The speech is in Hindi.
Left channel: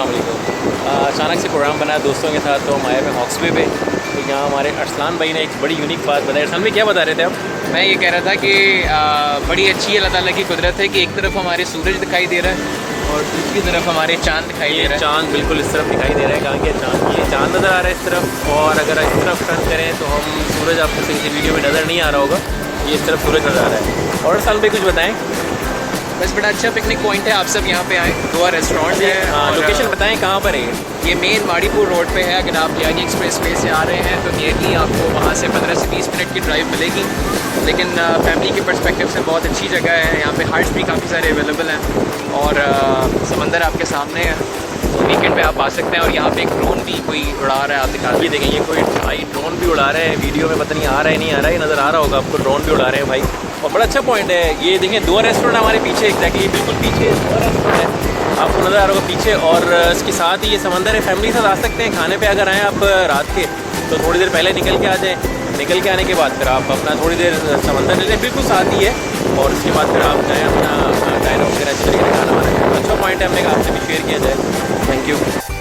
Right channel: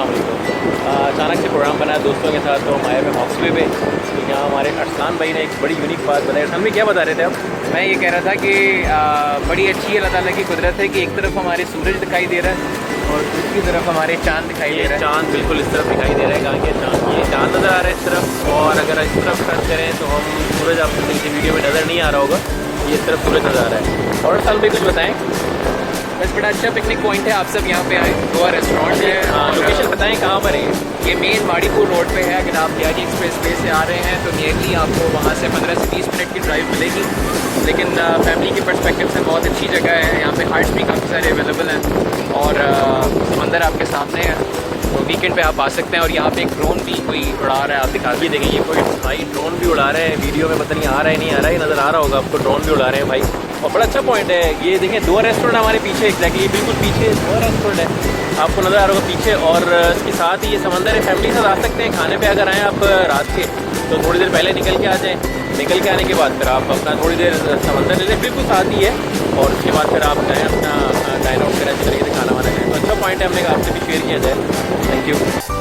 अस्सलाम वालेकुम। अचानक से प्रोग्राम बना दोस्तों के साथ, तो हम आए हुए हॉक्स वे पे। तो यहाँ हमारे अरसलान भाई ने एक बड़ी यूनिक बात बताई। अरसलान भाई क्या बता रहे थे आप? मैं ये कह रहा था कि बड़ी अच्छी अल्लाह ताला की कुदरत है कि एक तरफ हमारे सूरज दिखाई दे रहा है और दूसरी तरफ हमारे चांद दिखाई दे रहा है। चांद बिल्कुल इस तरफ दिखाई दे रहा है, कारण कि चांद नज़र आ रहा है इस तरफ, और अगर इस तरफ टर्न करें तो हम सूरज आपको सही से वीडियो में नज़र नहीं आ रहा होगा, ये इस तरफ सूरज नज़र आ रहा है। और अरसलान भाई कुछ बताएँ? बस बड़ा अच्छा पिकनिक पॉइंट है, आप सब यहाँ पे आए। गोवा रेस्टोरेंट है। लोकेशन बताएं कहाँ पर है? ये मेन माड़ीपुर रोड पे है। अगर आप यानी एक्सप्रेस वे से आ रहे हैं तो नियरली आपको वहाँ से 15 से 20 मिनट की ड्राइव मिलेगी, लेकिन फैमिली के पर्सपेक्टिव से बहुत अच्छी जगह है। यहाँ पे हट्स भी काफ़ी सारे अवेलेबल हैं और समंदर आपके सामने है। तो वीकेंड पे आप आ सकते हैं। और यहाँ पे एक ड्रोन भी कोई उड़ा रहा है, आप दिखा ये देखें, ये कोई भाई ड्रोन भी उड़ा रहे हैं। वीडियो में पता नहीं आ रहा है नहीं आ रहा है, नज़र आ रहा होगा आपको, ड्रोन भी उड़ा रहे हैं भाई। और बड़ा अच्छा पॉइंट है ये, देखें 2 रेस्टोरेंट हमारे पीछे, एग्जैक्टली बिल्कुल पीछे 2 रेस्टोरेंट है, आपको नज़र आ रहा होगा पीछे। और इसके साथ ही ये समंदर है, फैमिली के साथ आ सकते हैं खाने पे। अगर आएँ आप रात के तो थोड़ी देर पहले निकल के आ जाएँ, निकल के आने के बाद फिर आप अपना थोड़ी देर समंदर ले लें, बिल्कुल साथ ही है। और उसके बाद फिर आप जाएँ अपना डाइन आउट करें, अच्छे तरीके से खाना वाना। तो अच्छा पॉइंट है, हमने कहा आपसे भी शेयर किया जाए। Thank you.